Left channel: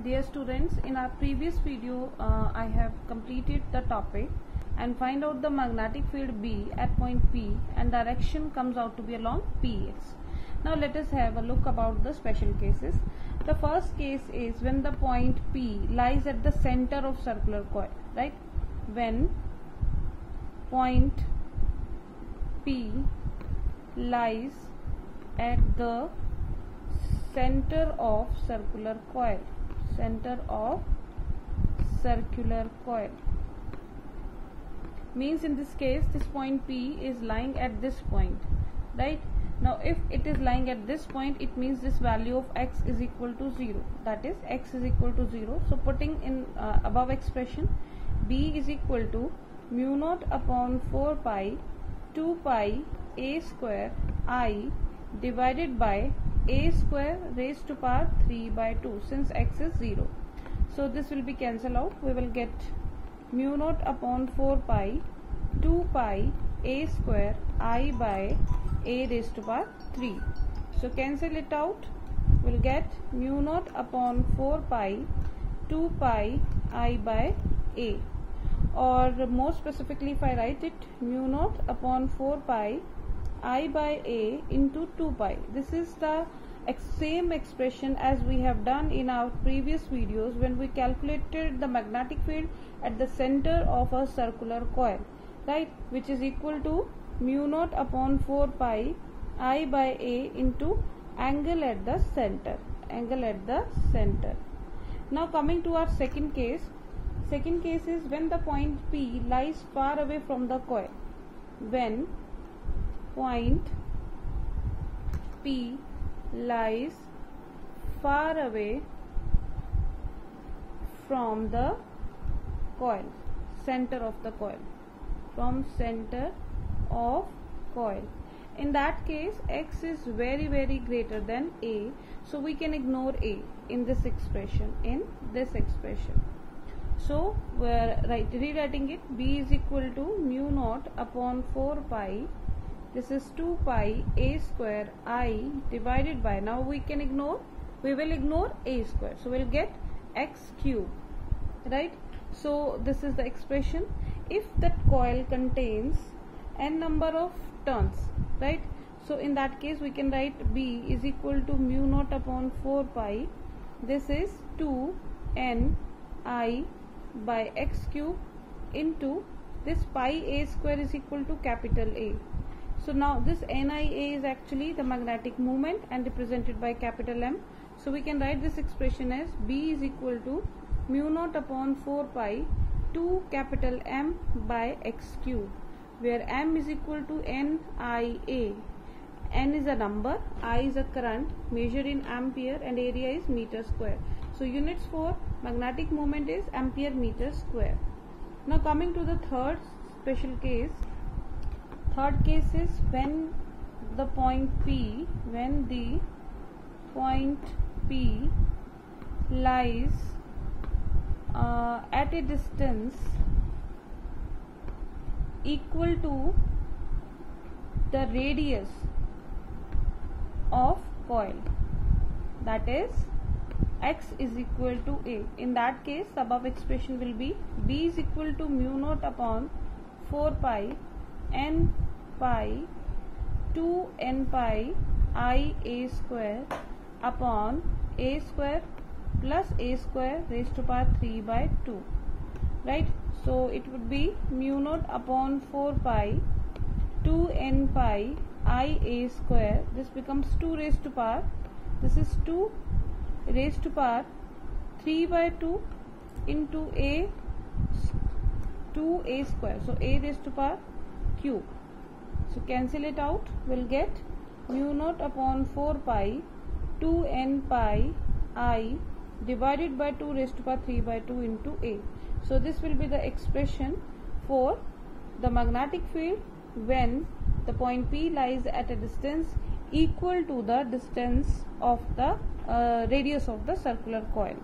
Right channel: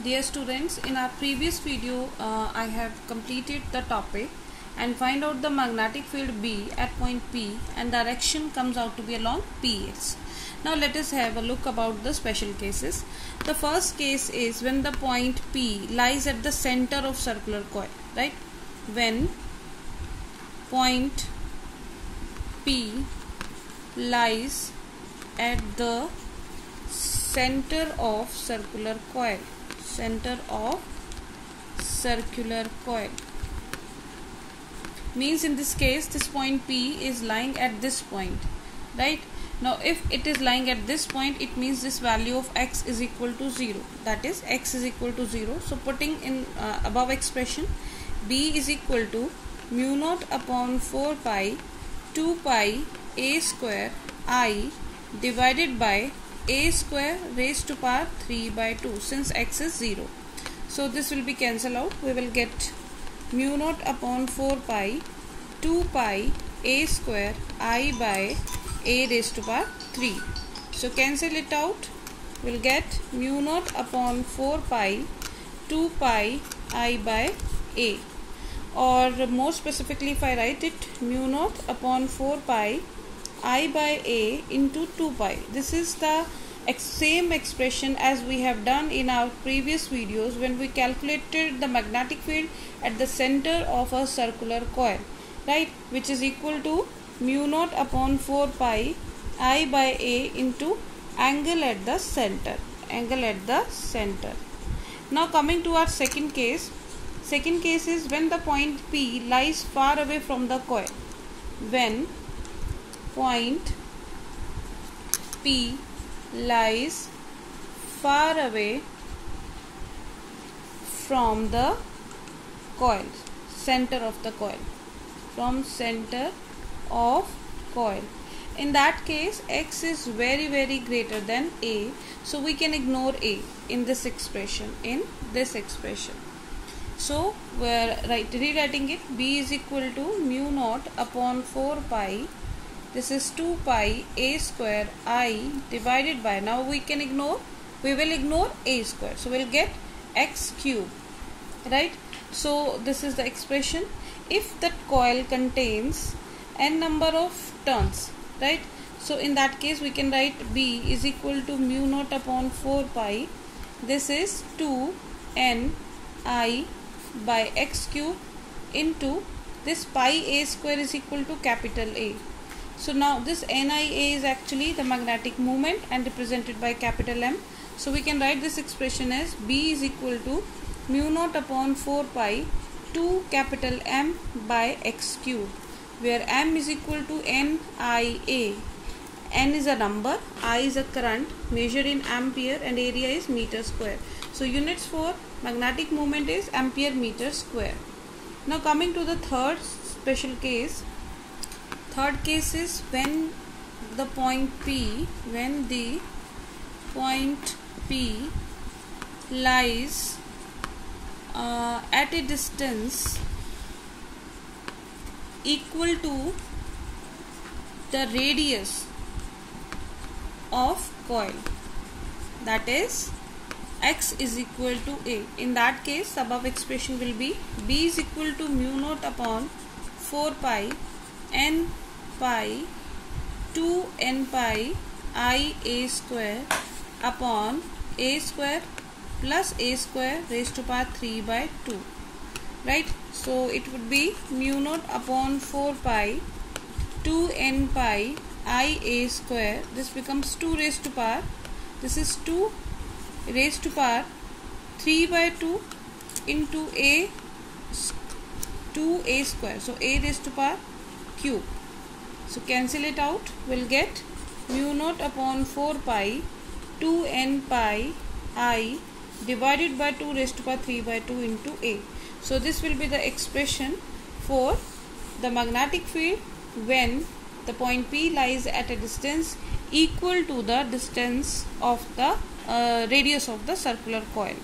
Dear students, in our previous video I have completed the topic and find out the magnetic field B at point P and direction comes out to be along PS. Now let us have a look about the special cases. The first case is when the point P lies at the center of circular coil, right? When point P lies at the center of circular coil, means in this case this point P is lying at this point, right? Now if it is lying at this point, it means this value of x is equal to 0, that is x is equal to 0. So putting in above expression, B is equal to mu naught upon 4 pi 2 pi a square I divided by a square raised to power 3 by 2, since x is 0. So this will be cancelled out. We will get mu naught upon 4 pi 2 pi a square I by a raised to power 3. So cancel it out. We will get mu naught upon 4 pi 2 pi I by a, or more specifically if I write it, mu naught upon 4 pi I by a into 2 pi. This is the same expression as we have done in our previous videos when we calculated the magnetic field at the center of a circular coil, right, which is equal to mu naught upon 4 pi I by a into angle at the center. Now coming to our second case. Second case is when the point P lies far away from the coil. When point P lies far away from the coil, center of the coil, in that case x is very greater than a, so we can ignore a in this expression. So we are rewriting it. B is equal to mu naught upon 4 pi, this is 2 pi a square I divided by, now we will ignore a square, so we will get x cube, right? So this is the expression. If the coil contains n number of turns, right, so in that case we can write B is equal to mu naught upon 4 pi, this is 2 n I by x cube into this pi a square is equal to capital A. So now this NIA is actually the magnetic moment and represented by capital M. So we can write this expression as B is equal to mu naught upon 4 pi 2 capital M by x cube, where M is equal to NIA. N is a number, I is a current measured in ampere, and area is meter square. So units for magnetic moment is ampere meter square. Now coming to the third special case. Third case is when the point P lies at a distance equal to the radius of coil, that is x is equal to a. In that case above expression will be B is equal to mu naught upon 4 pi n pi 2 n pi I a square upon a square plus a square raised to power 3 by 2, right? So it would be mu naught upon 4 pi 2 n pi I a square, this becomes 2 raised to power, this is 2 raised to power 3 by 2 into a 2a square, so a raised to power cube. So cancel it out, we'll get mu naught upon 4 pi 2 n pi I divided by 2 raised to power 3 by 2 into a. So this will be the expression for the magnetic field when the point P lies at a distance equal to the distance of the radius of the circular coil.